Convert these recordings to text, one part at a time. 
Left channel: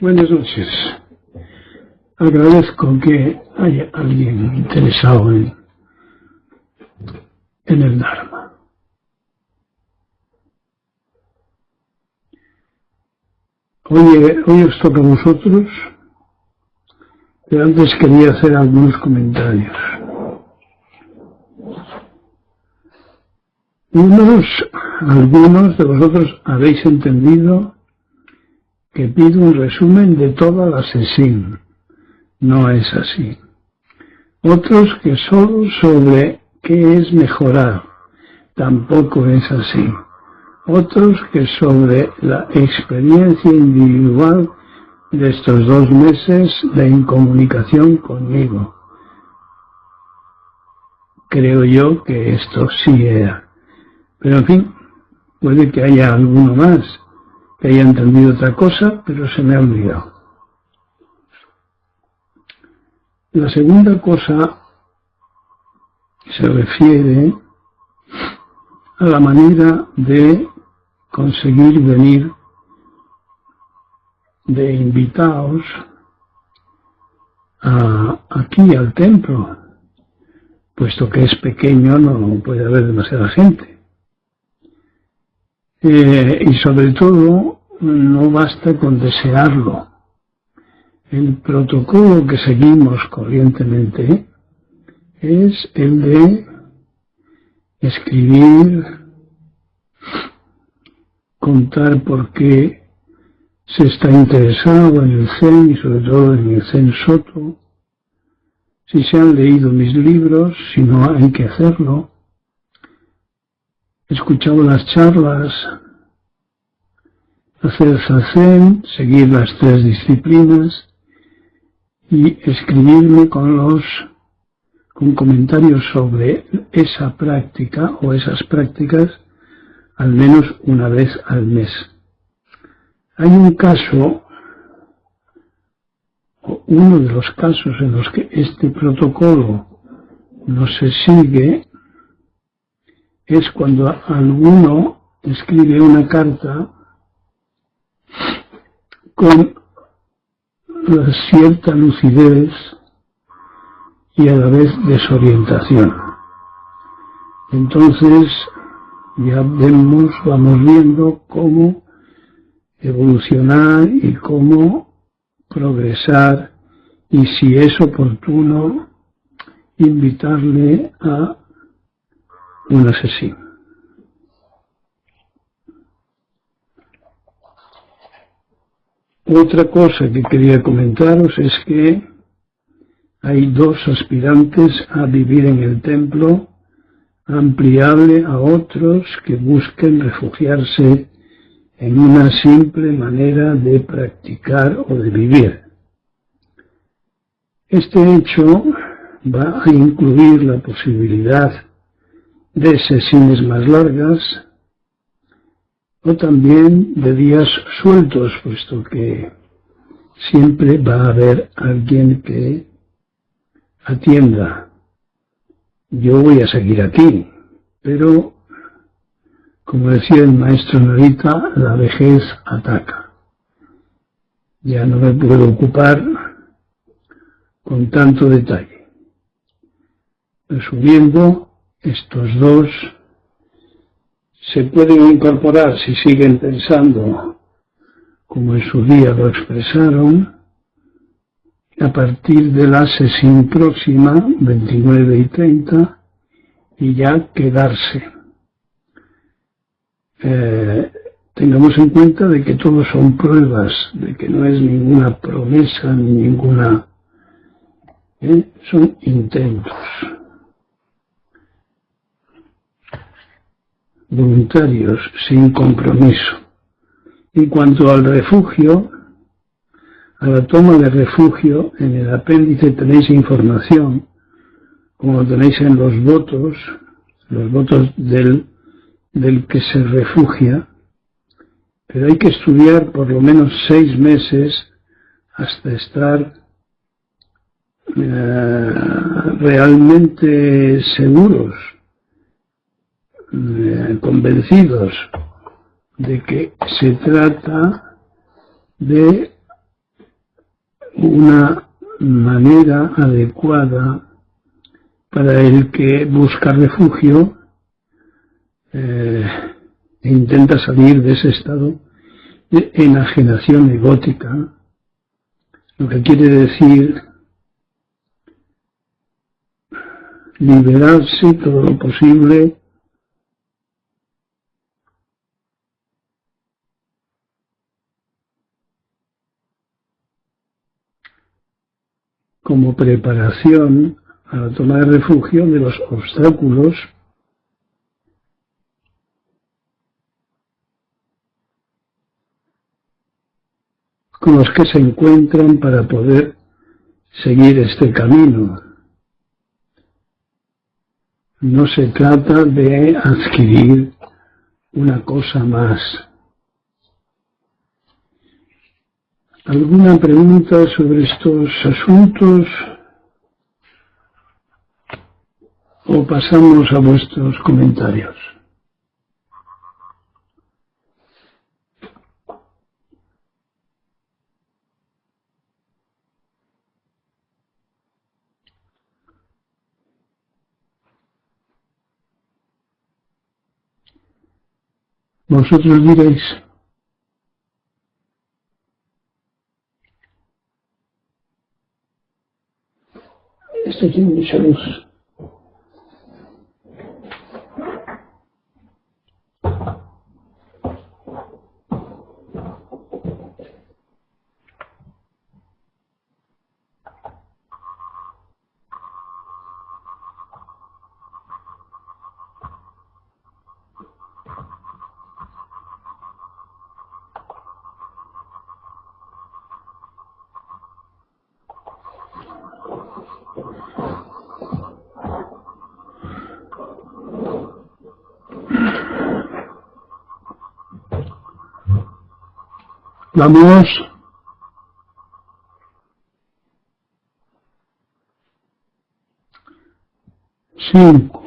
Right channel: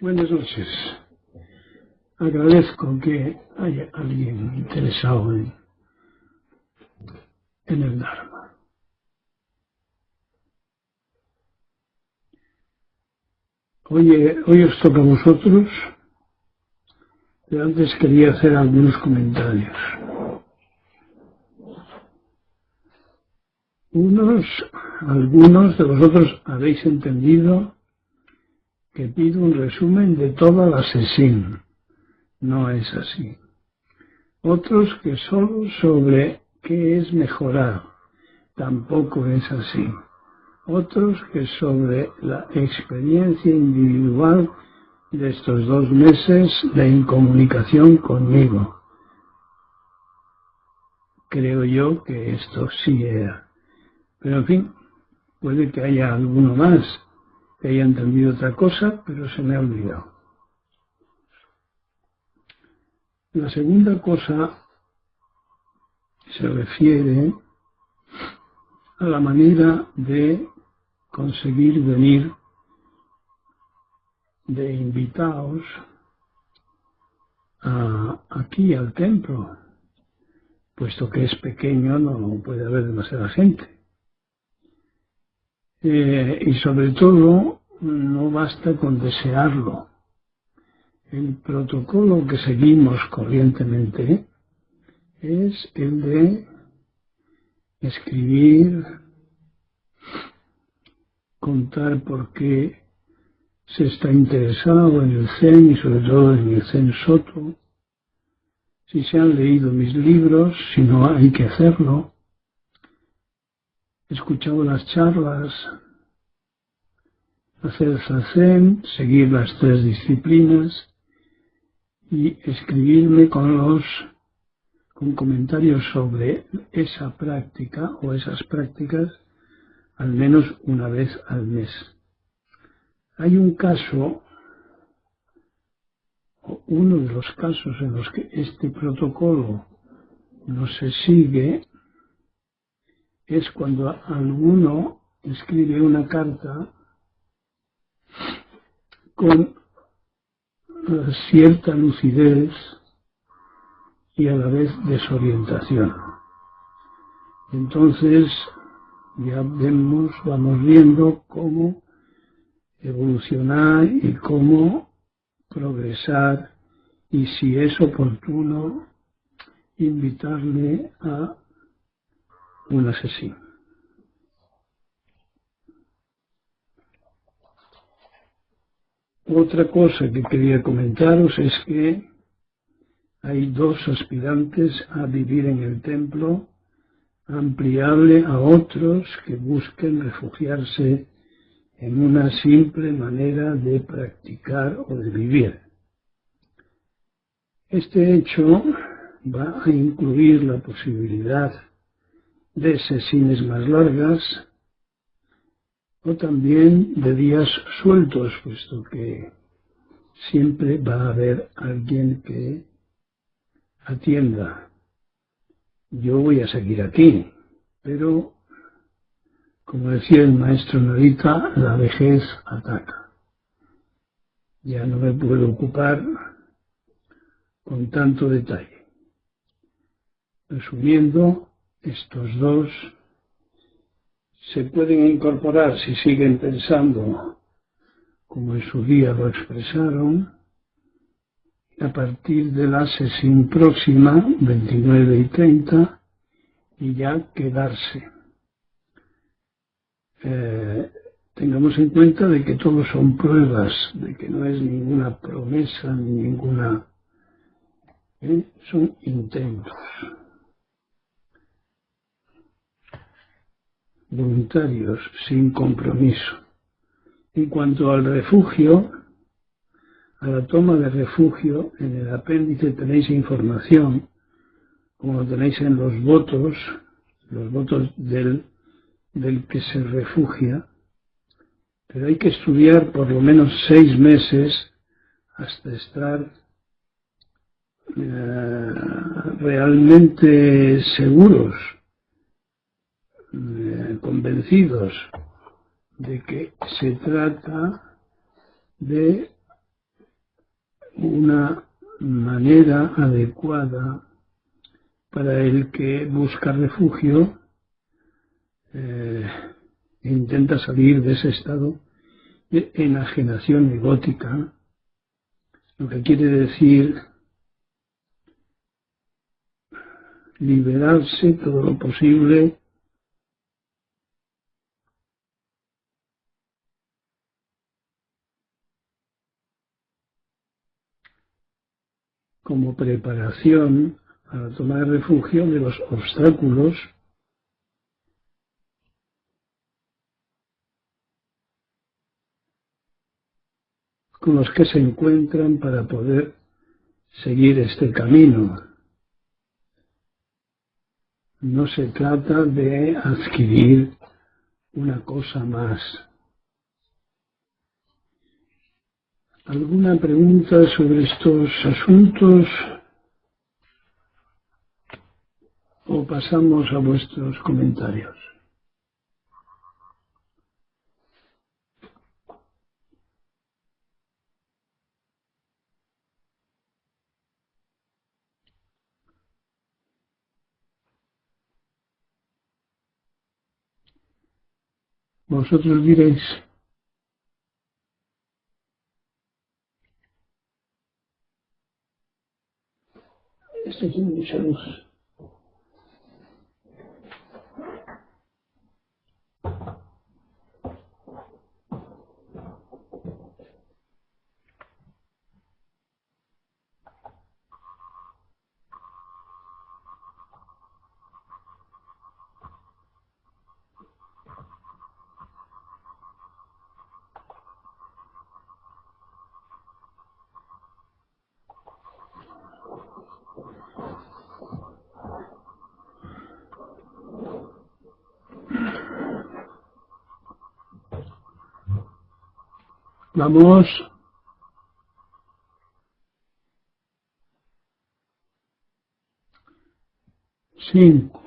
Buenas noches. Agradezco que haya alguien interesado en el Dharma. Hoy os toca a vosotros, pero antes quería hacer algunos comentarios. Algunos de vosotros habéis entendido que pido un resumen de toda la sesión. No es así. Otros que solo sobre qué es mejorar. Tampoco es así. Otros que sobre la experiencia individual de estos 2 meses de incomunicación conmigo. Creo yo que esto sí era. Pero en fin, puede que haya alguno más que haya entendido otra cosa, pero se me ha olvidado. La segunda cosa se refiere a la manera de conseguir venir de invitados aquí al templo, puesto que es pequeño, no puede haber demasiada gente. Y sobre todo, no basta con desearlo. El protocolo que seguimos corrientemente es el de escribir, contar por qué se está interesado en el Zen y sobre todo en el Zen Soto, si se han leído mis libros, si no hay que hacerlo, he escuchado las charlas, hacer zazen, seguir las 3 disciplinas y escribirme con comentarios sobre esa práctica o esas prácticas al menos una vez al mes. Hay un caso, o uno de los casos en los que este protocolo no se sigue, es cuando alguno escribe una carta con cierta lucidez y a la vez desorientación. Entonces ya vamos viendo cómo evolucionar y cómo progresar y si es oportuno invitarle a una sesión. Otra cosa que quería comentaros es que hay 2 aspirantes a vivir en el templo, ampliable a otros que busquen refugiarse en una simple manera de practicar o de vivir. Este hecho va a incluir la posibilidad de sesiones más largas o también de días sueltos, puesto que siempre va a haber alguien que atienda. Yo voy a seguir aquí, pero, como decía el maestro Narita, la vejez ataca. Ya no me puedo ocupar con tanto detalle. Resumiendo, estos 2 se pueden incorporar si siguen pensando como en su día lo expresaron, a partir de la sesión próxima, 29 y 30, y ya quedarse. Tengamos en cuenta de que todo son pruebas, de que no es ninguna promesa ni ninguna... son intentos voluntarios, sin compromiso. En cuanto al refugio, a la toma de refugio, en el apéndice tenéis información, como tenéis en los votos del que se refugia, pero hay que estudiar por lo menos 6 meses hasta estar realmente seguros, convencidos de que se trata de una manera adecuada para el que busca refugio e intenta salir de ese estado de enajenación egótica, lo que quiere decir liberarse todo lo posible como preparación a la toma de refugio de los obstáculos con los que se encuentran para poder seguir este camino. No se trata de adquirir una cosa más. ¿Alguna pregunta sobre estos asuntos? ¿O pasamos a vuestros comentarios? Vosotros diréis. Esto tiene mucha luz. Vamos. Cinco.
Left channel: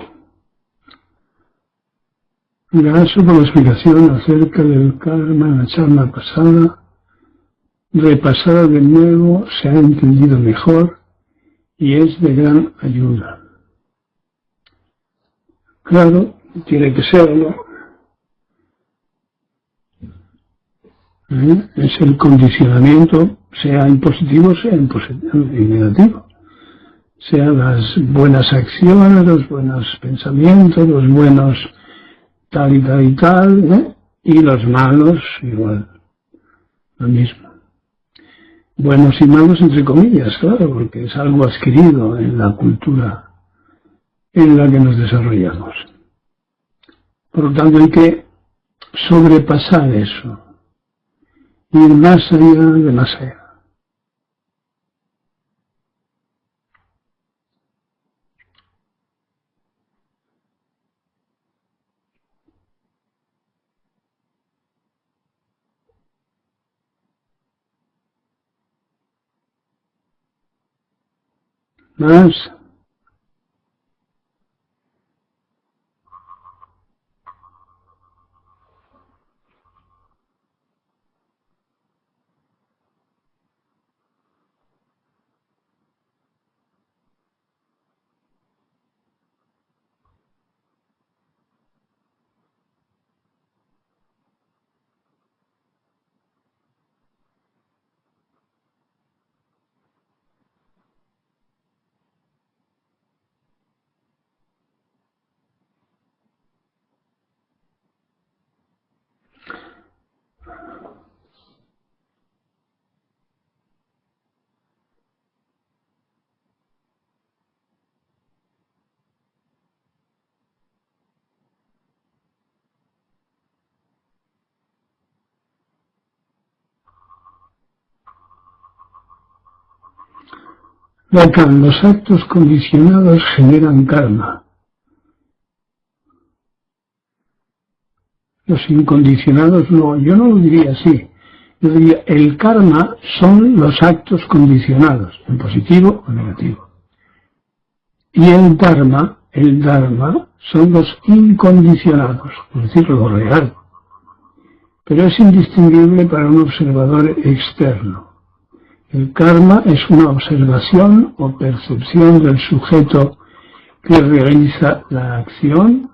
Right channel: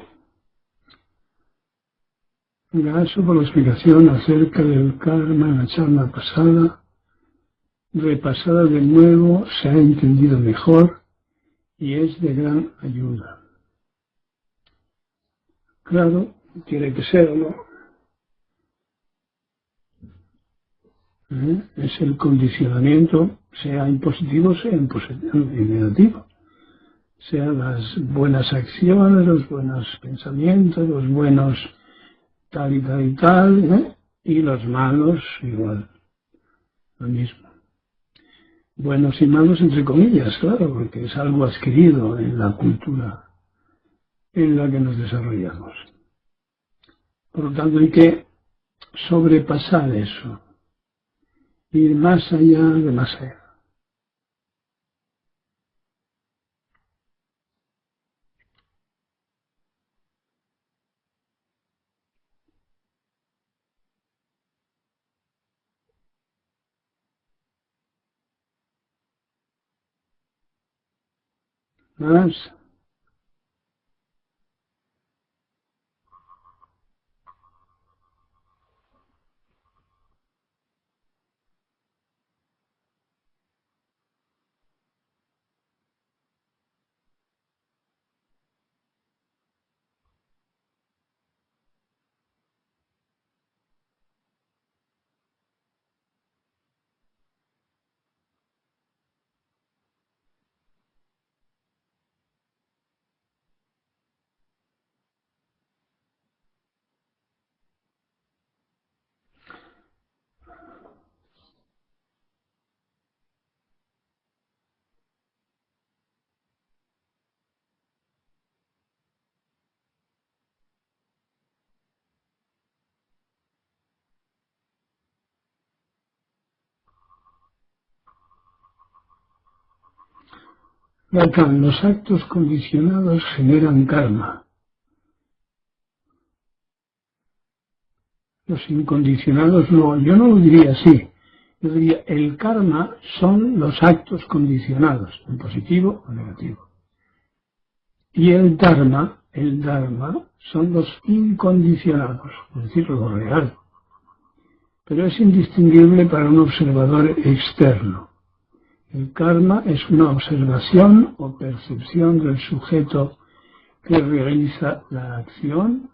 Gracias por la explicación acerca del karma en la charla pasada. Repasada de nuevo, se ha entendido mejor y es de gran ayuda. Claro, tiene que serlo. Es el condicionamiento, sea en positivo, sea en negativo. Sea las buenas acciones, los buenos pensamientos, los buenos tal y tal, y los malos igual, lo mismo. Buenos y malos entre comillas, claro, porque es algo adquirido en la cultura en la que nos desarrollamos. Por lo tanto hay que sobrepasar eso. Ir más allá de más allá. Más. Lacan, los actos condicionados generan karma. Los incondicionados no, yo no lo diría así. Yo diría, el karma son los actos condicionados, en positivo o negativo. Y el dharma son los incondicionados, es decir, lo real. Pero es indistinguible para un observador externo. El karma es una observación o percepción del sujeto que realiza la acción.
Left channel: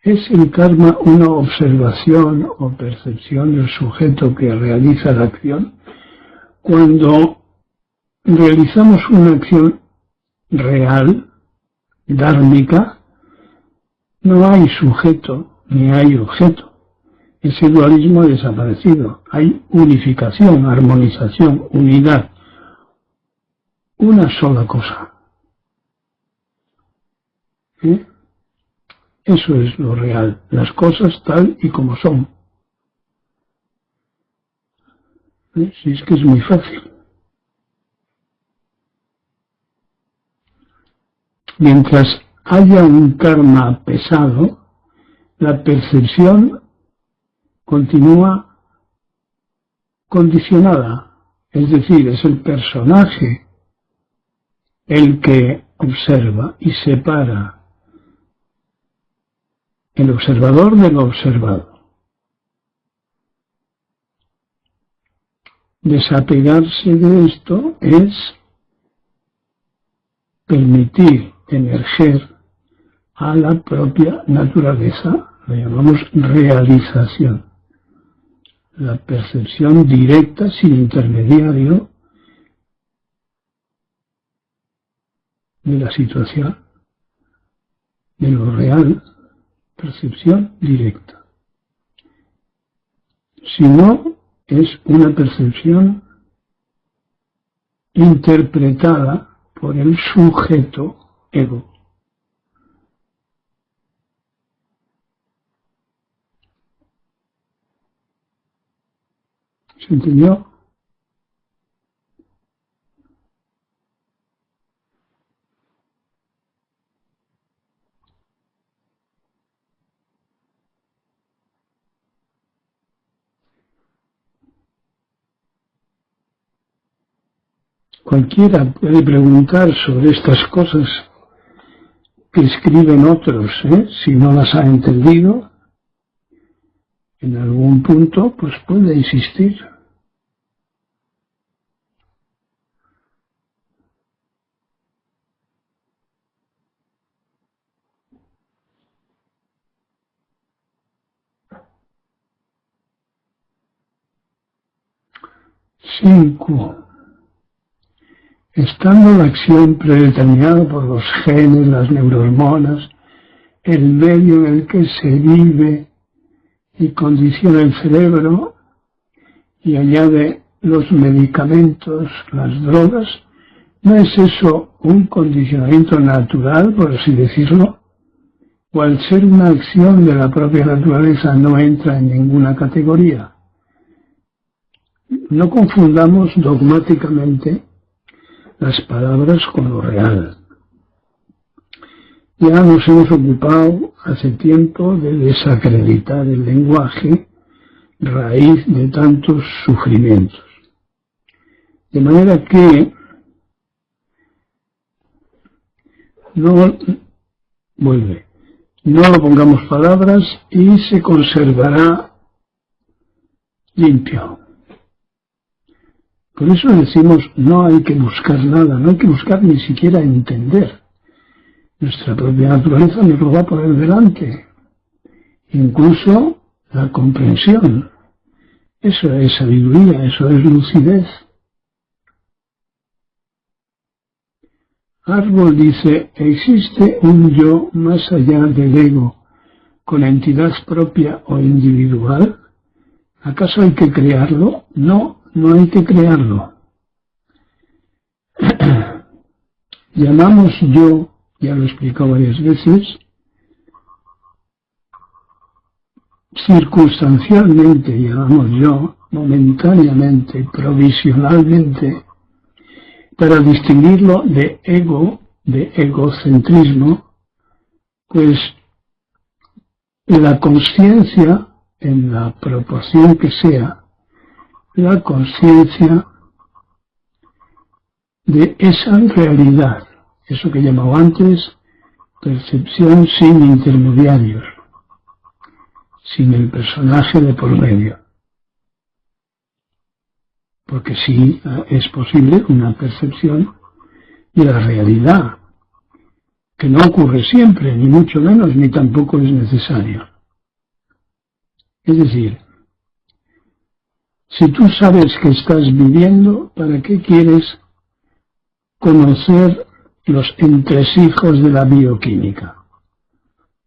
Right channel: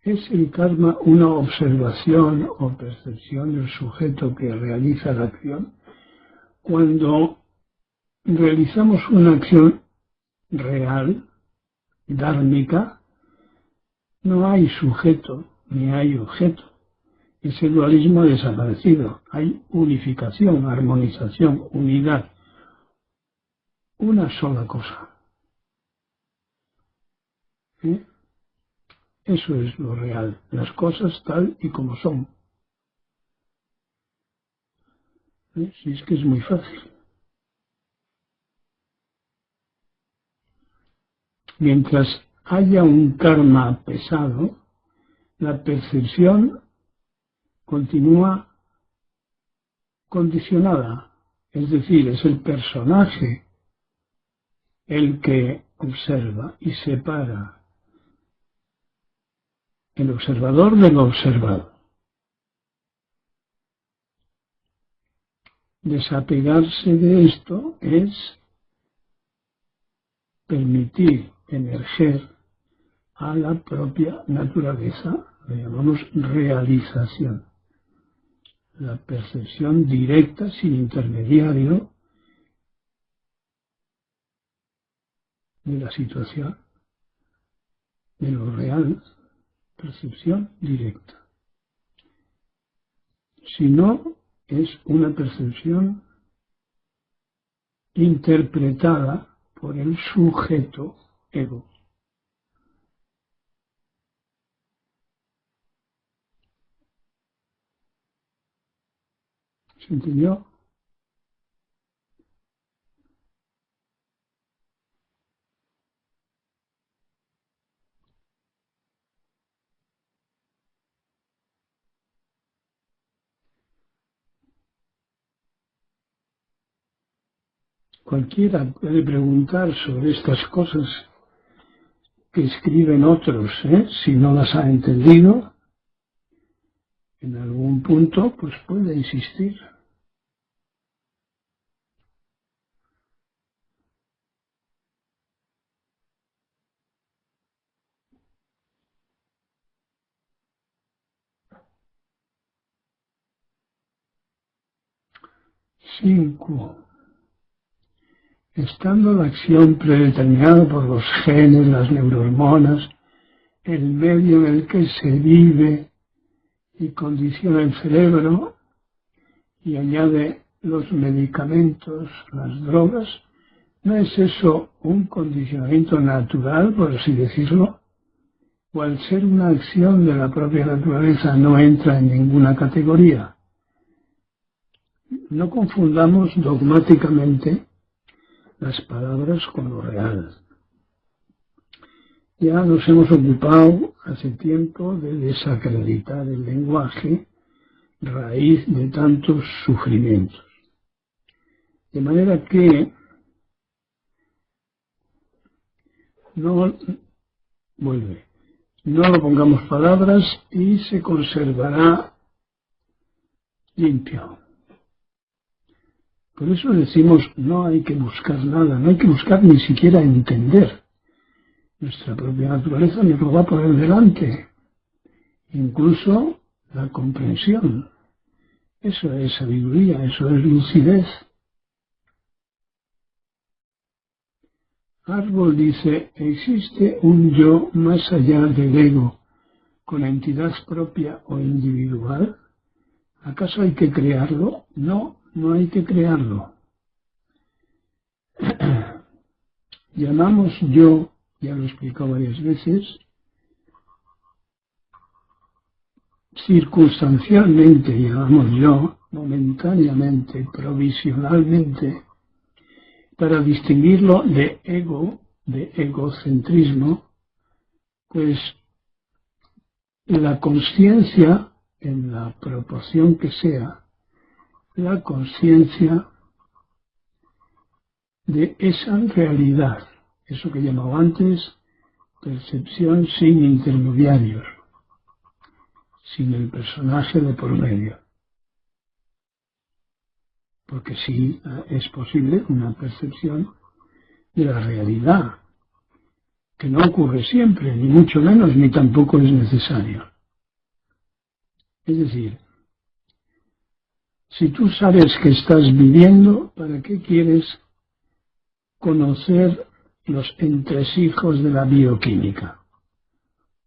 ¿Es el karma una observación o percepción del sujeto que realiza la acción? Cuando realizamos una acción real, dármica, no hay sujeto ni hay objeto. Ese dualismo ha desaparecido. Hay unificación, armonización, unidad. Una sola cosa. ¿Eh? Eso es lo real. Las cosas tal y como son. Si es que es muy fácil. Mientras haya un karma pesado, la percepción continúa condicionada, es decir, es el personaje el que observa y separa el observador del observado. Desapegarse de esto es permitir emerger a la propia naturaleza, lo llamamos realización. La percepción directa, sin intermediario, de la situación, de lo real, percepción directa. Si no, es una percepción interpretada por el sujeto ego. ¿Se entendió? Cualquiera puede preguntar sobre estas cosas que escriben otros, si no las ha entendido, en algún punto, pues puede insistir. Cinco. Estando la acción predeterminada por los genes, las neurohormonas, el medio en el que se vive y condiciona el cerebro, y añade los medicamentos, las drogas, ¿no es eso un condicionamiento natural, por así decirlo? ¿O al ser una acción de la propia naturaleza no entra en ninguna categoría? No confundamos dogmáticamente las palabras con lo real. Ya nos hemos ocupado hace tiempo de desacreditar el lenguaje, raíz de tantos sufrimientos. De manera que no le pongamos palabras y se conservará limpio. Por eso decimos, no hay que buscar nada, no hay que buscar ni siquiera entender. Nuestra propia naturaleza nos lo va a poner delante. Incluso la comprensión. Eso es sabiduría, eso es lucidez. Árbol dice, ¿existe un yo más allá del ego con entidad propia o individual? ¿Acaso hay que crearlo? No, no hay que crearlo. Llamamos yo, ya lo he explicado varias veces, circunstancialmente, llamamos yo, momentáneamente, provisionalmente, para distinguirlo de ego, de egocentrismo, pues la conciencia, en la proporción que sea, la conciencia de esa realidad, eso que llamaba antes percepción sin intermediarios, sin el personaje de por medio. porque sí es posible una percepción de la realidad, que no ocurre siempre, ni mucho menos, ni tampoco es necesario. Es decir, si tú sabes que estás viviendo, ¿para qué quieres conocer los entresijos de la bioquímica?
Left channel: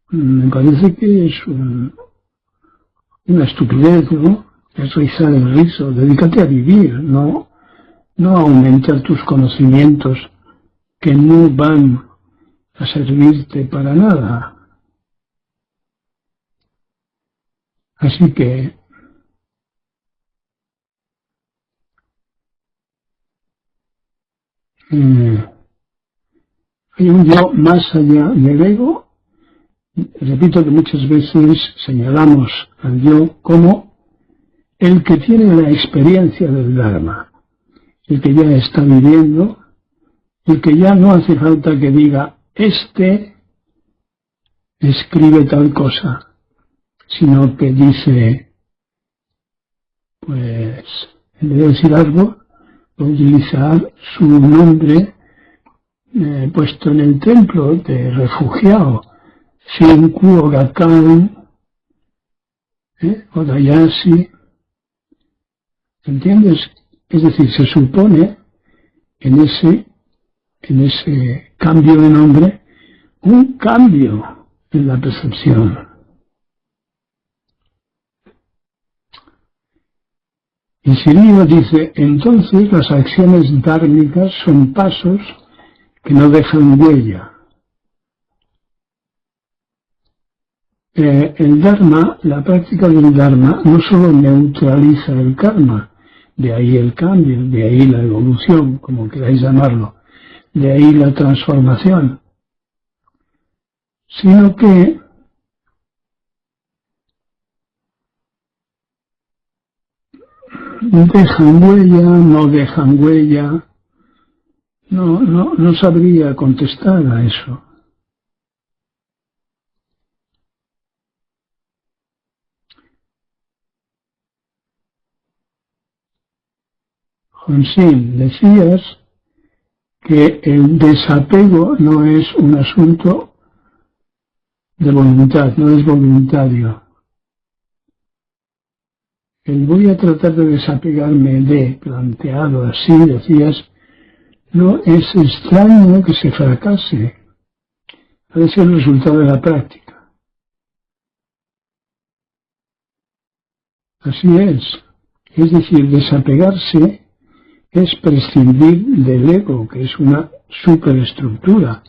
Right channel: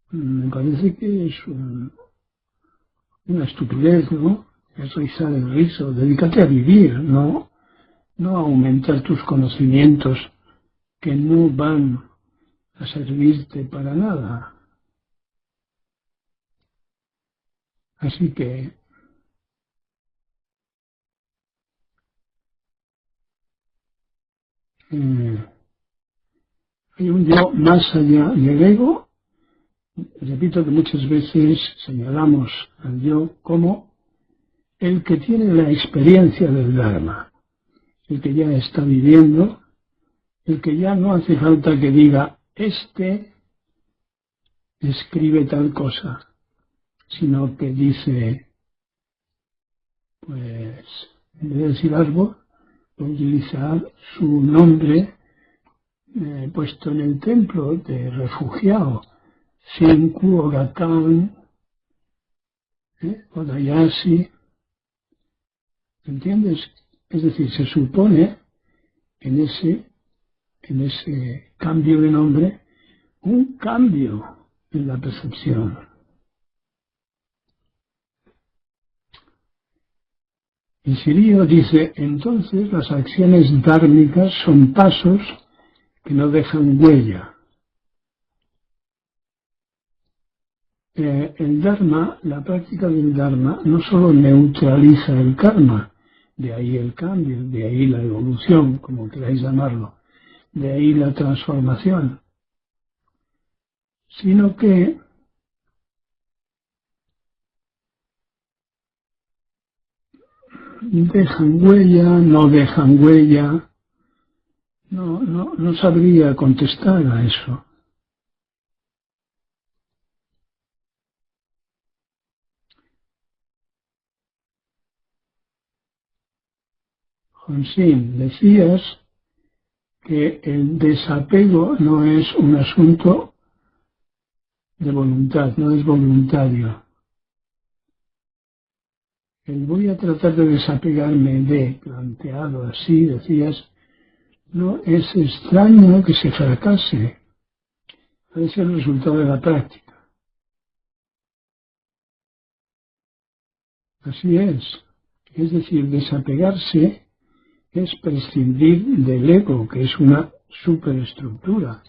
Me parece que es una estupidez, ¿no? Es rizar el rizo. Dedícate a vivir, no a aumentar tus conocimientos que no van a servirte para nada. Así que hay un yo más allá del ego. Repito que muchas veces señalamos al yo como el que tiene la experiencia del Dharma, el que ya está viviendo, el que ya no hace falta que diga, este escribe tal cosa, sino que dice, pues, en vez de decir algo, utilizar su nombre puesto en el templo de refugiado, Shenku, Orakan, Odayashi, ¿entiendes? Es decir, se supone en ese cambio de nombre un cambio en la percepción. Y Sirio dice, entonces las acciones dármicas son pasos que no dejan huella. El Dharma, la práctica del Dharma, no solo neutraliza el karma, de ahí el cambio, de ahí la evolución, como queráis llamarlo, de ahí la transformación, sino que dejan huella, no dejan huella. No sabría contestar a eso. Jonsin, decías que el desapego no es un asunto de voluntad, no es voluntario. El voy a tratar de desapegarme de, planteado así, decías, no es extraño que se fracase. Debe ser el resultado de la práctica. Así es. Es decir, desapegarse es prescindir del ego, que es una superestructura,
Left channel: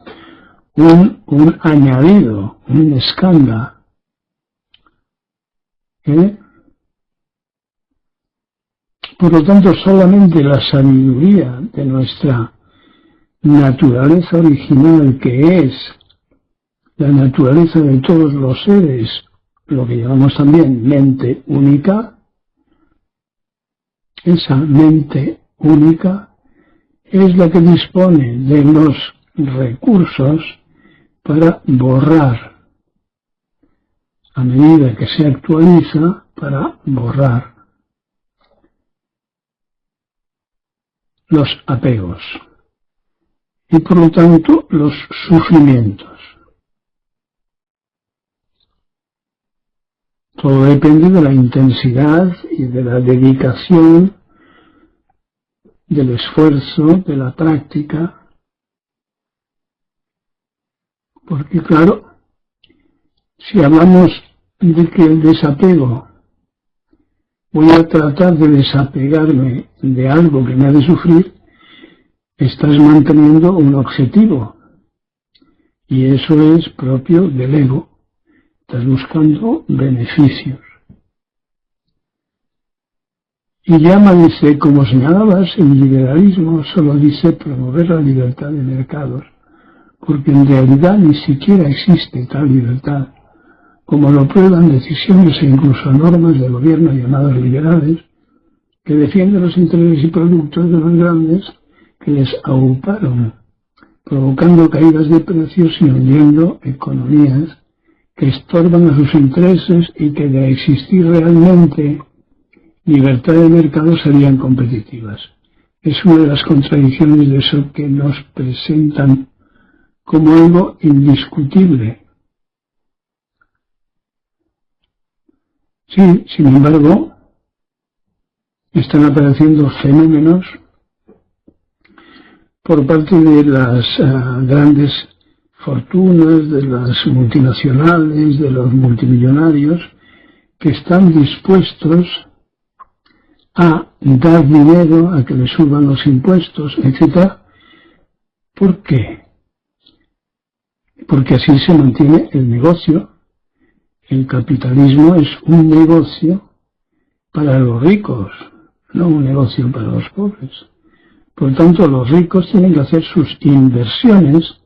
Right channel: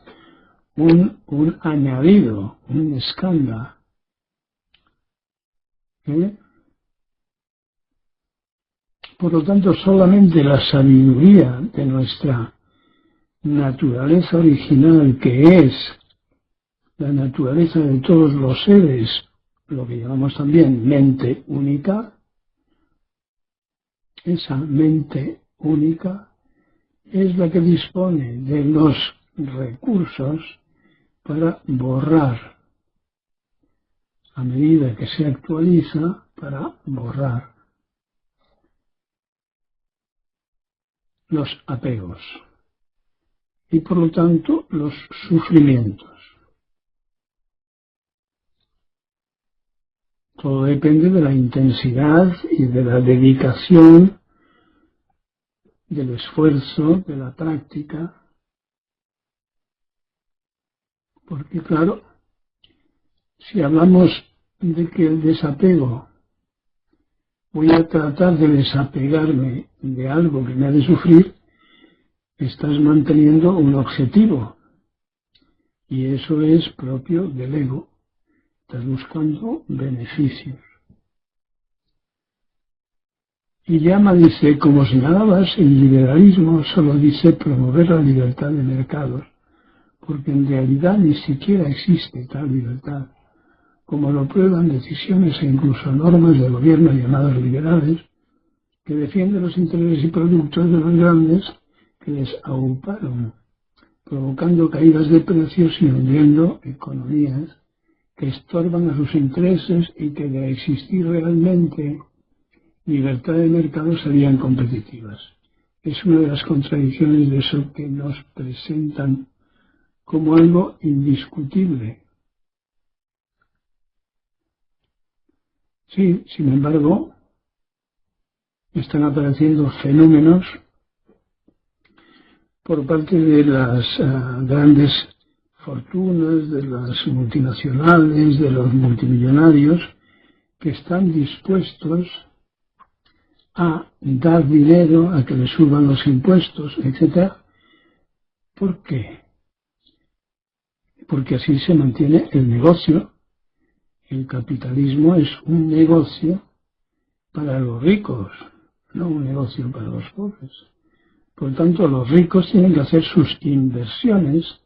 un añadido, un escándalo. Por lo tanto, solamente la sabiduría de nuestra naturaleza original, que es la naturaleza de todos los seres, lo que llamamos también mente única, esa mente única es la que dispone de los recursos para borrar, a medida que se actualiza, para borrar los apegos y por lo tanto los sufrimientos. Todo depende de la intensidad y de la dedicación, del esfuerzo, de la práctica, porque claro, si hablamos de que el desapego, voy a tratar de desapegarme de algo que me hace sufrir, estás manteniendo un objetivo, y eso es propio del ego. Estás buscando beneficios. Y llama, dice, como señalabas, el liberalismo solo dice promover la libertad de mercados, porque en realidad ni siquiera existe tal libertad, como lo prueban decisiones e incluso normas de gobierno llamadas liberales, que defienden los intereses y productos de los grandes que les auparon, provocando caídas de precios y hundiendo economías que estorban a sus intereses y que de existir realmente libertad de mercado serían competitivas. Es una de las contradicciones de eso que nos presentan como algo indiscutible. Sí, sin embargo, están apareciendo fenómenos por parte de las grandes fortunas, de las multinacionales, de los multimillonarios, que están dispuestos a dar dinero, a que le suban los impuestos, etc. ¿Por qué? Porque así se mantiene el negocio. El capitalismo es un negocio para los ricos, no un negocio para los pobres. Por tanto, los ricos tienen que hacer sus inversiones,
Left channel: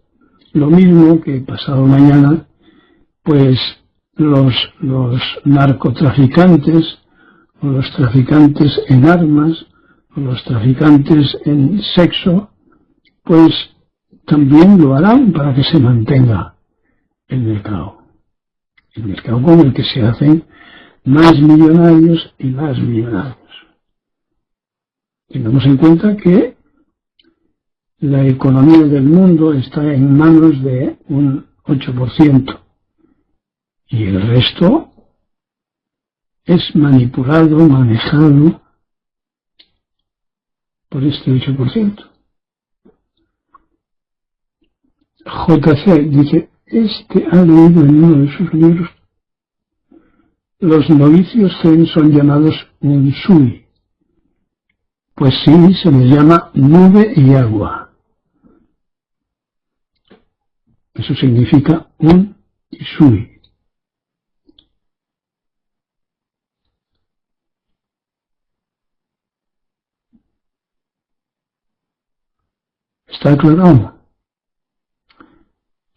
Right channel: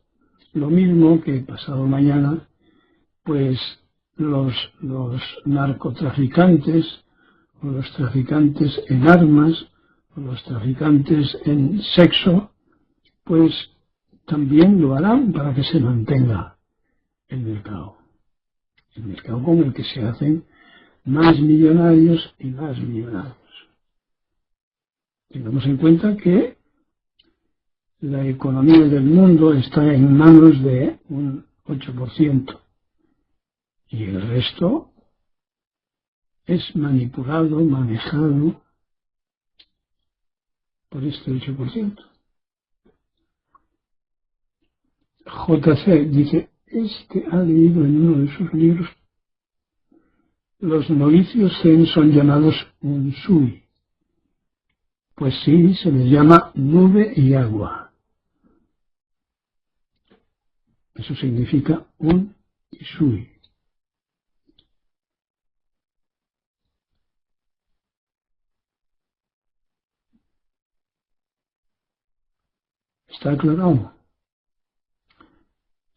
lo mismo que pasado mañana, pues los narcotraficantes, o los traficantes en armas, o los traficantes en sexo, pues también lo harán para que se mantenga el mercado. El mercado con el que se hacen más millonarios y más millonarios. Tengamos en cuenta que la economía del mundo está en manos de un 8% y el resto es manipulado, manejado por este 8%. JC dice, ha leído en uno de sus libros, los novicios zen son llamados unsui. Pues sí, se les llama nube y agua. Eso significa un y sui. ¿Está aclarado?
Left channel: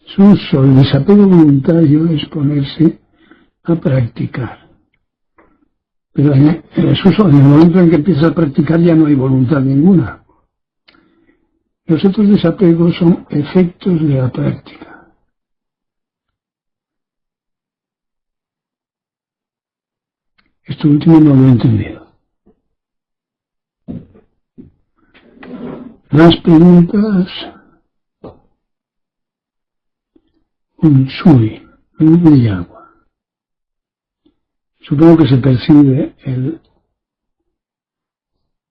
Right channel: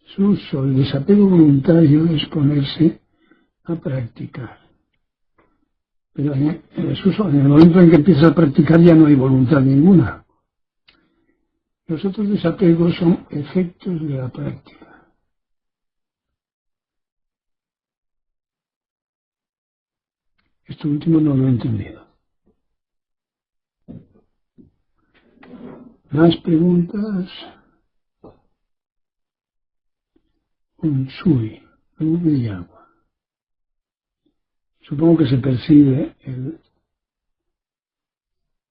Su uso, el desapego voluntario es ponerse a practicar. Pero en el momento en que empieza a practicar ya no hay voluntad ninguna. Los otros desapegos son efectos de la práctica. Esto último no lo he entendido. Más preguntas. Unsui, nube y agua. Supongo que se percibe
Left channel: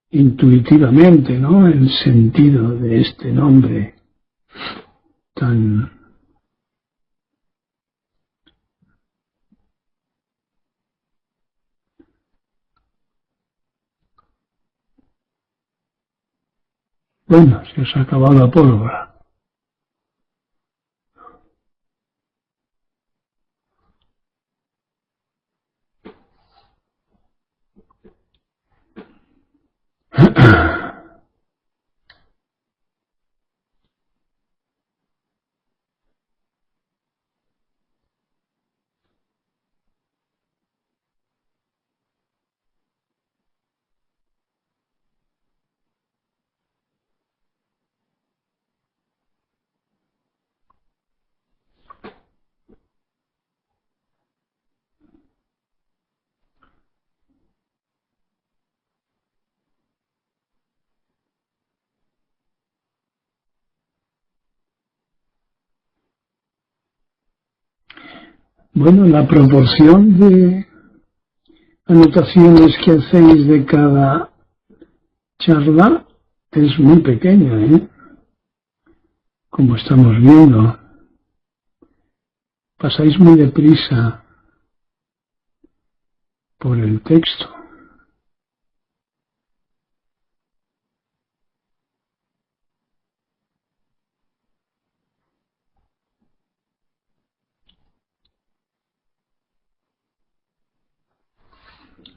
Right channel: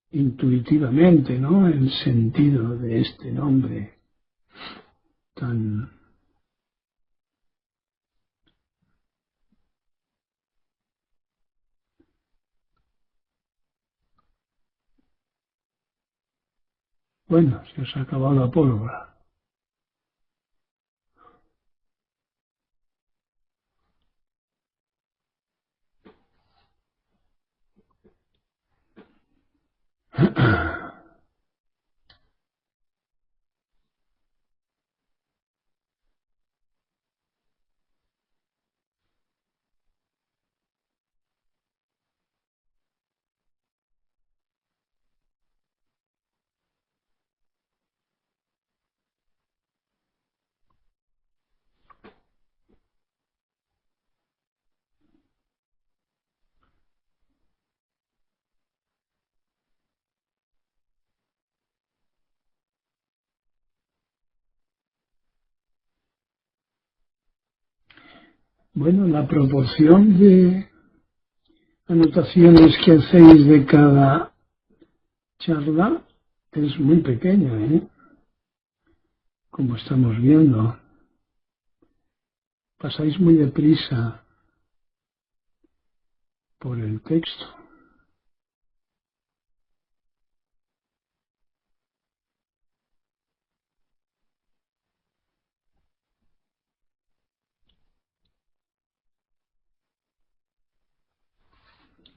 intuitivamente, ¿no?, el sentido de este nombre tan bueno. Se os ha acabado la pólvora. Bueno, la proporción de anotaciones que hacéis de cada charla es muy pequeña, ¿eh? Como estamos viendo. Pasáis muy deprisa por el texto.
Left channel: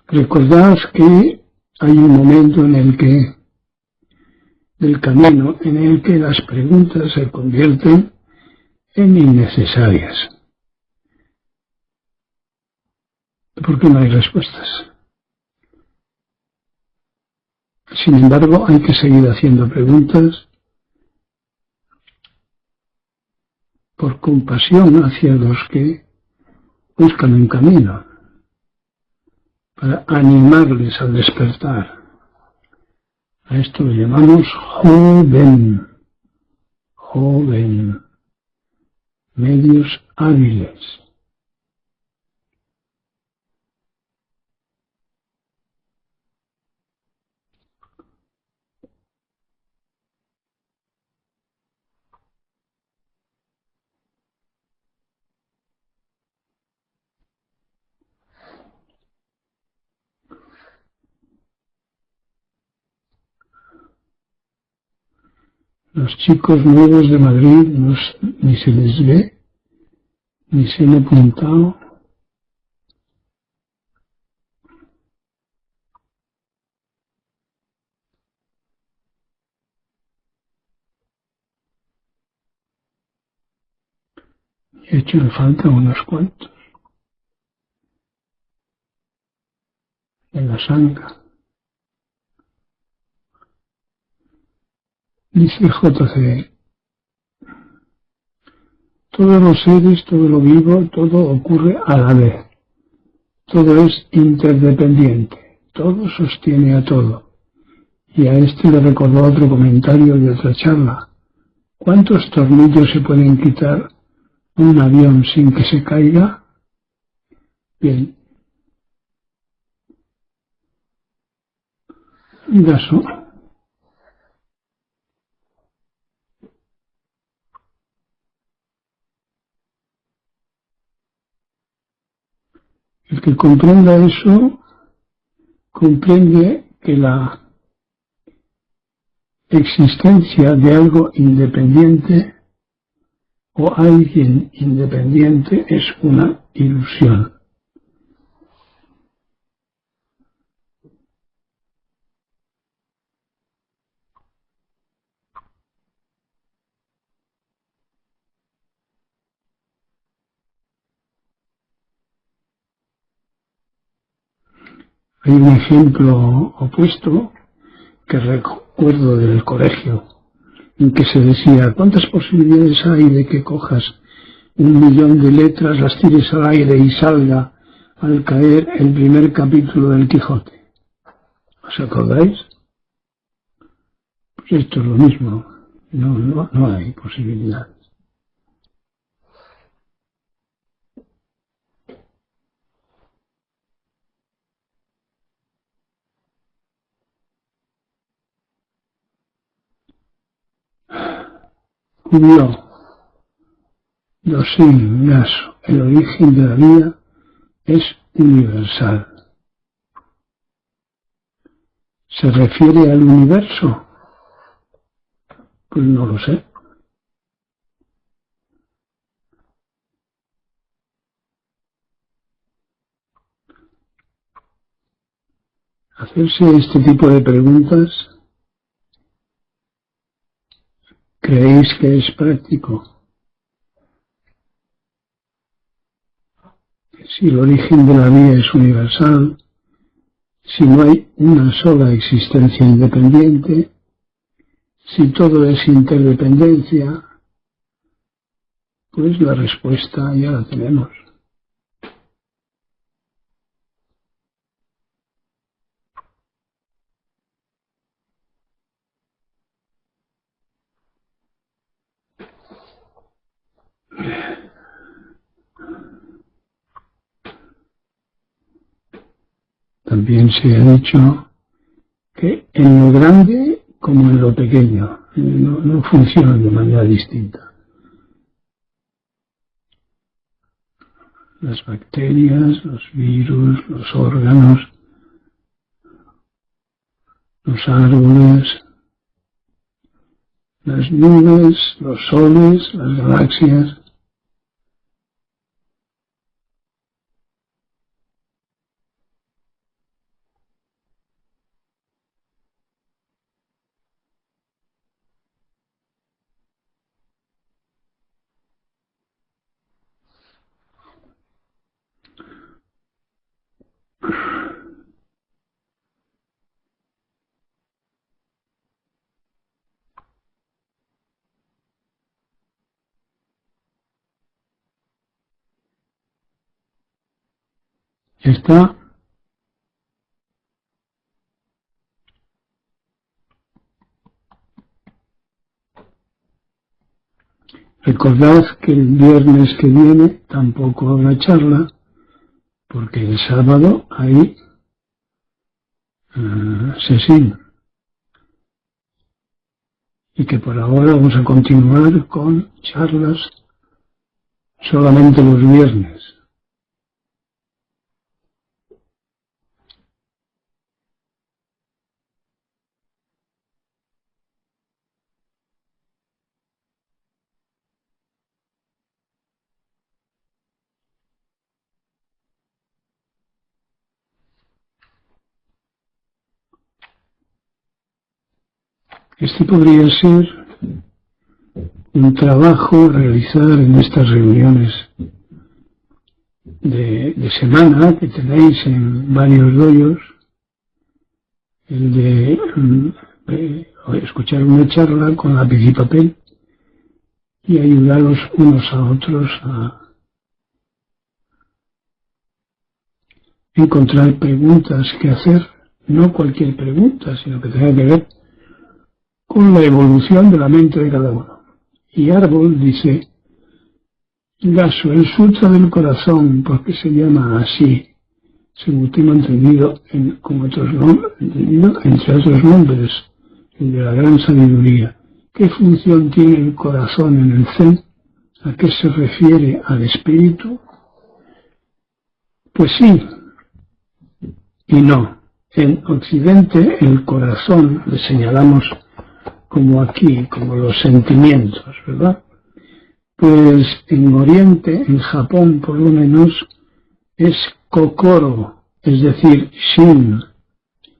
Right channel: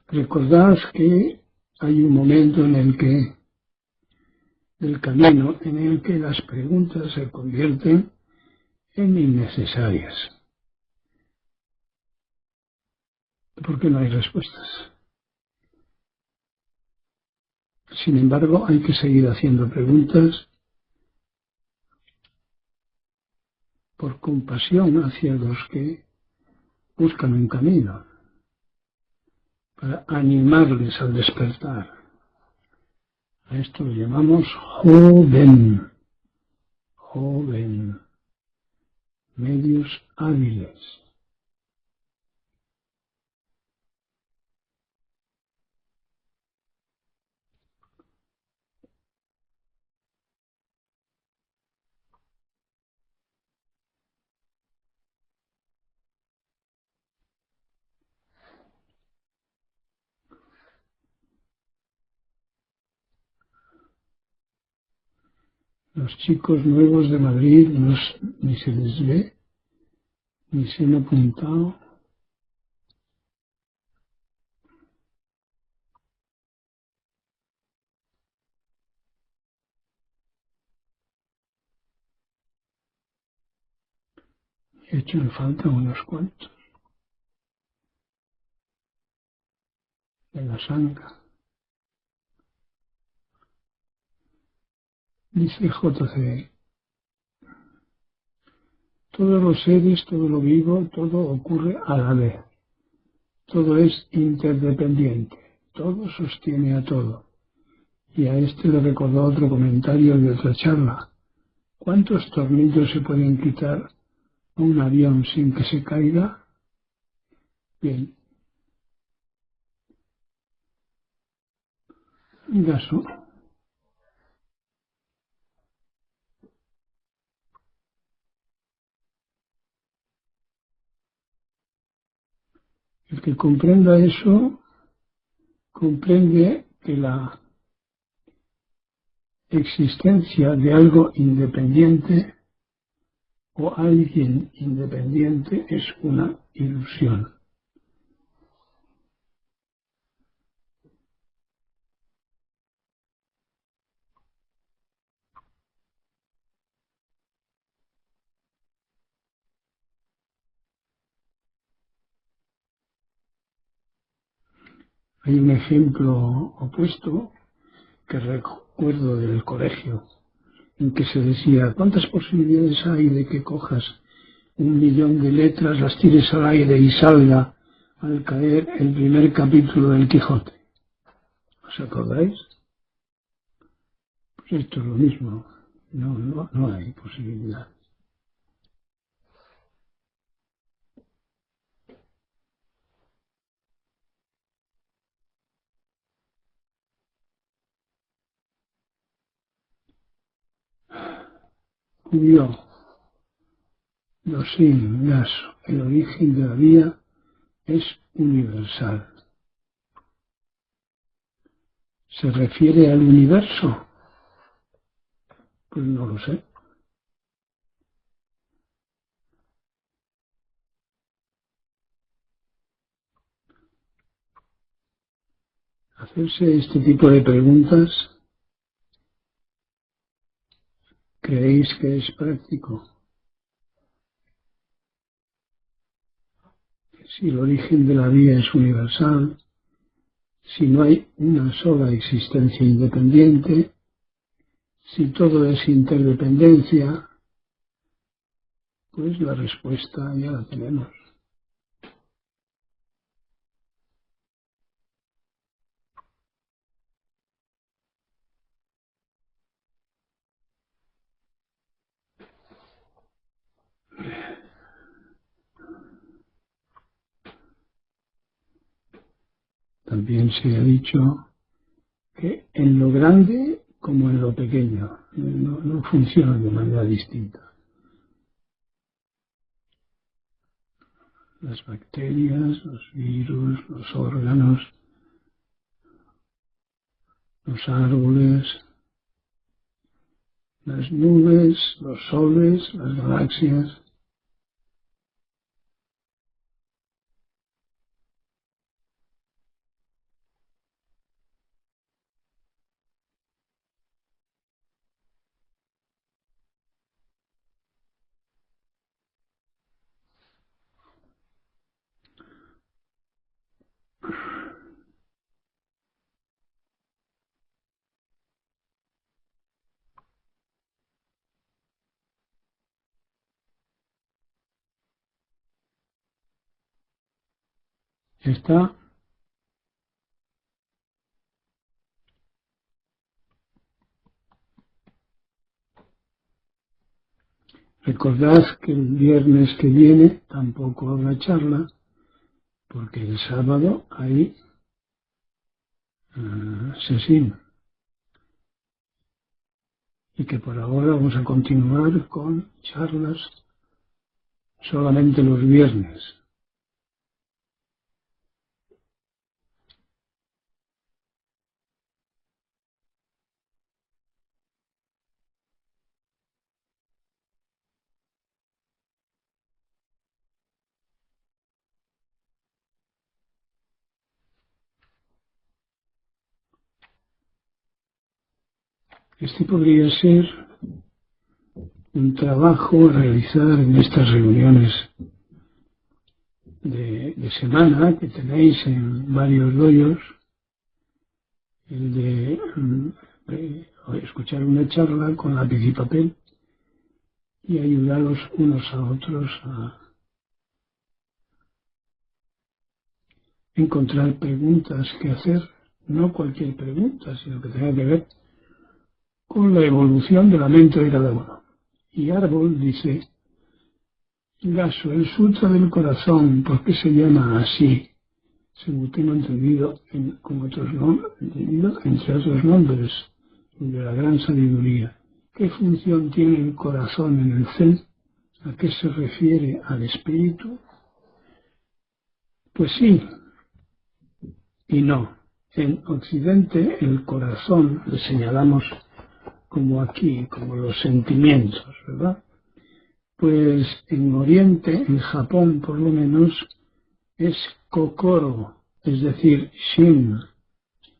Recordad que hay un momento en el que, del camino, en el que las preguntas se convierten en innecesarias. Porque no hay respuestas. Sin embargo, hay que seguir haciendo preguntas por compasión hacia los que buscan un camino. para animarles al despertar. A esto lo llamamos joven, joven, medios hábiles. Los chicos nuevos de Madrid ni se les ve, ni se han apuntado. He hecho en falta unos cuantos. En la sanga. Dice JC, todos los seres, todo lo vivo, todo ocurre a la vez. Todo es interdependiente. Todo sostiene a todo. Y a este le recordó otro comentario de otra charla. ¿Cuántos tornillos se pueden quitar un avión sin que se caiga? Bien, un caso. El que comprenda eso, comprende que la existencia de algo independiente o alguien independiente es una ilusión. Hay un ejemplo opuesto que recuerdo del colegio, en que se decía, ¿cuántas posibilidades hay de que cojas 1.000.000 de letras, las tires al aire y salga al caer el primer capítulo del Quijote? ¿Os acordáis? Pues esto es lo mismo, no hay posibilidad. Cubrió, Dosen Gaso, el origen de la vida es universal. ¿Se refiere al universo? Pues no lo sé. Hacerse este tipo de preguntas, ¿creéis que es práctico? Si el origen de la vida es universal, si no hay una sola existencia independiente, si todo es interdependencia, pues la respuesta ya la tenemos. También se ha dicho que en lo grande como en lo pequeño no funcionan de manera distinta. Las bacterias, los virus, los órganos, los árboles, las nubes, los soles, las galaxias. Está Recordad que el viernes que viene tampoco habrá charla, porque el sábado hay sesión. Y que por ahora vamos a continuar con charlas solamente los viernes. Este podría ser un trabajo a realizar en estas reuniones de semana que tenéis en varios doyos, el de escuchar una charla con lápiz y papel y ayudaros unos a otros a encontrar preguntas que hacer, no cualquier pregunta, sino que tenga que ver con la evolución de la mente de cada uno. Y Árbol dice, Gaso, el sutra del corazón, porque se llama así, según tengo entendido, entre otros nombres, el de la gran sabiduría. ¿Qué función tiene el corazón en el Zen? ¿A qué se refiere al espíritu? Pues sí y no. En Occidente el corazón le señalamos como aquí, como los sentimientos, ¿verdad? Pues en Oriente, en Japón por lo menos, es kokoro, es decir, shin.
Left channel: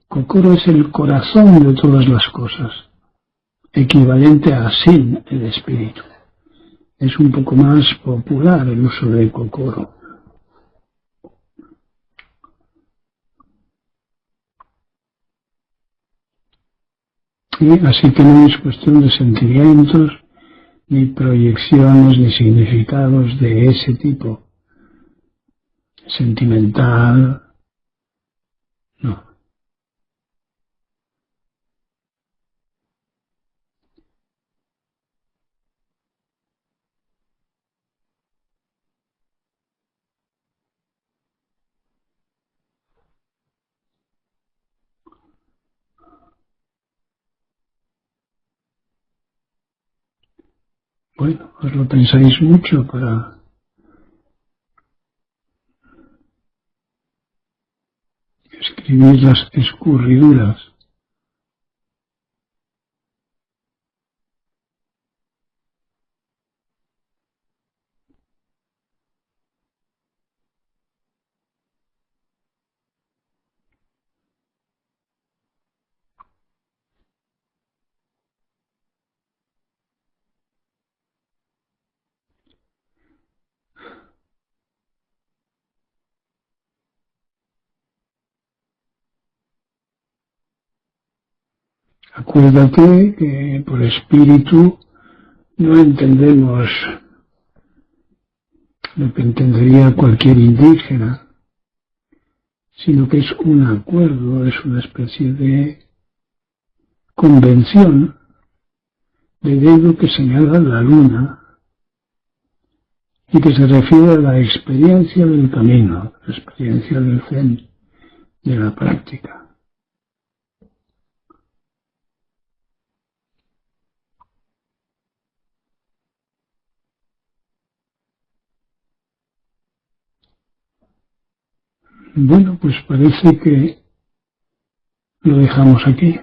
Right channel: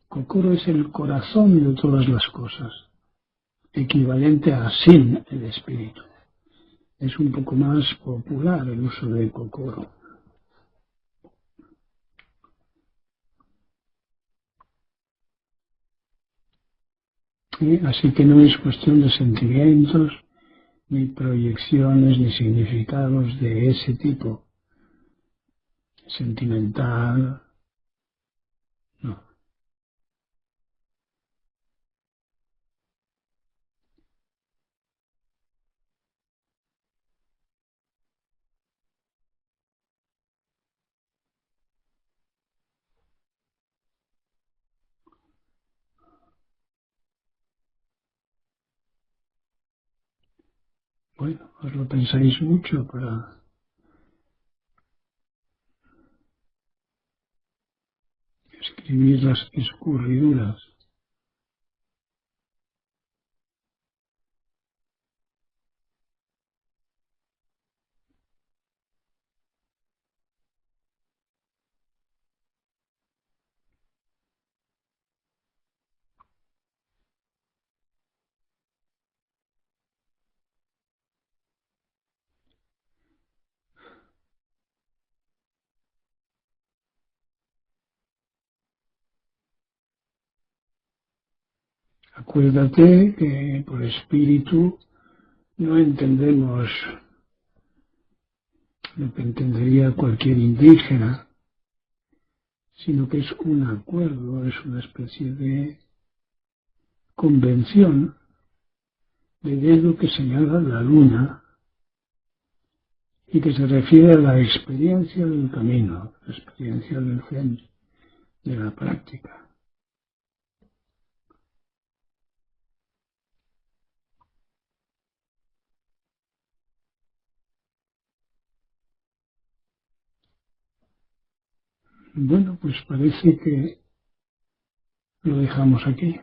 Kokoro es el corazón de todas las cosas, equivalente a sin, el espíritu. Es un poco más popular el uso de kokoro. Y así que no es cuestión de sentimientos, ni proyecciones, ni significados de ese tipo. Sentimental, no. Bueno, os lo pensáis mucho para escribir las escurriduras. Acuérdate que por espíritu no entendemos lo que entendería cualquier indígena, sino que es un acuerdo, es una especie de convención de dedo que señala la luna y que se refiere a la experiencia del camino, la experiencia del Zen, de la práctica. Bueno, pues parece que lo dejamos aquí.